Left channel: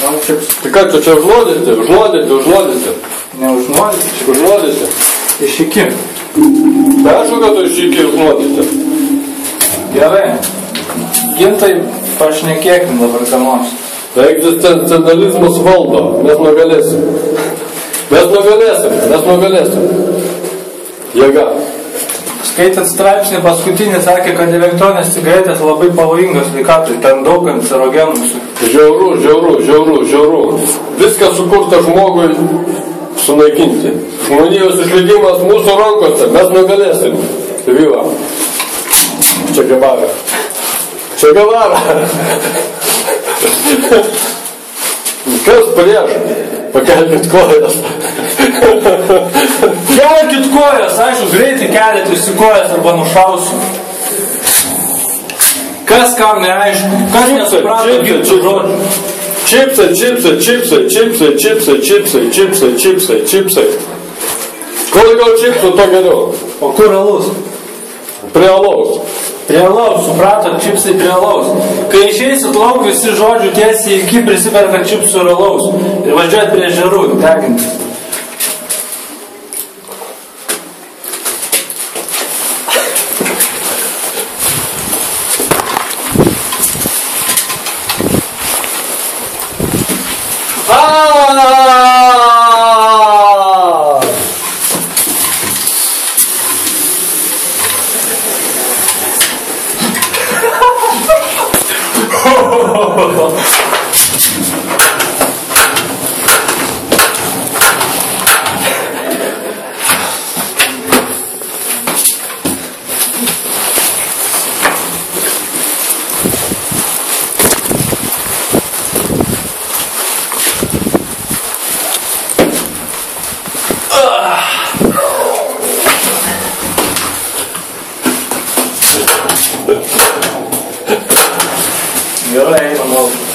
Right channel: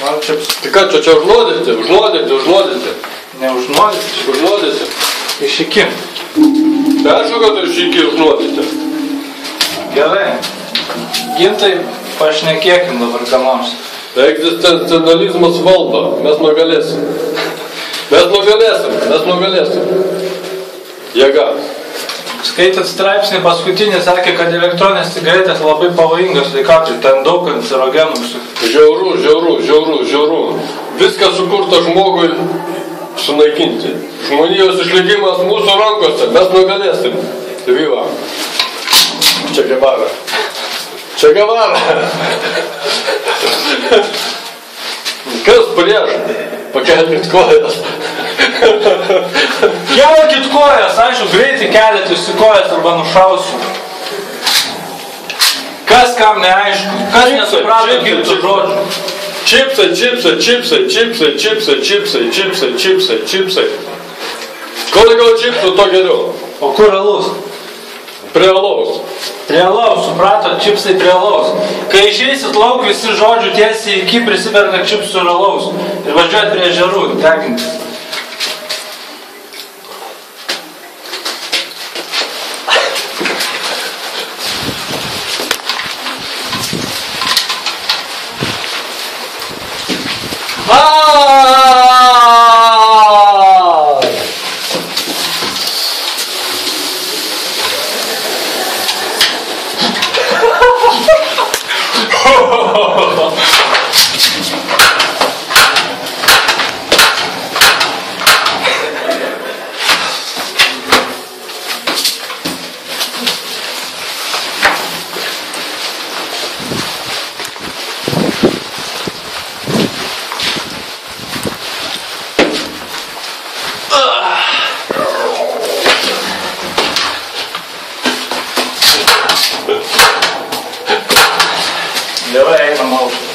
Man čips. Tai ką čia užnuodyti? Neužnuodyti, čia Užnuodyti. išiki. Tai aišku, kad tu išiki užnuodyti. Gerai. Gintai, pašnekėkim dabar ką nors. Egzistencializmas valdo. Mes nugalėsim. Jėga. Skaitant straipsnį paskutinį sakė, kad elektroninės cigaretės labai pavojingas sveikatai, ten daug kancerogenų. Žiauru. Viskas sukurta žmogui sunaikinti. Žmonijos išlikimas mūsų rankose. Mes nugalėsim. Viva. Čia Guevara. Kas prieš? Pakelkit kojas. Kelkit kojas, aišku, greitai keliat kojas arba nušausiu. Kas kam neaišku? Kas nesuprato girtų žodžių? Čipsai. Kuo daugiau čipsų, to geriau. O kur alus? Prie alaus. Prie alaus, suprato, čipsai prie alaus. Kai išeisit lauk, visi žodžių tiesiai iki prisiperka čipsų ir alaus. Ir važiuojat prie ežerų, tekinti. Gerai, einam lauk.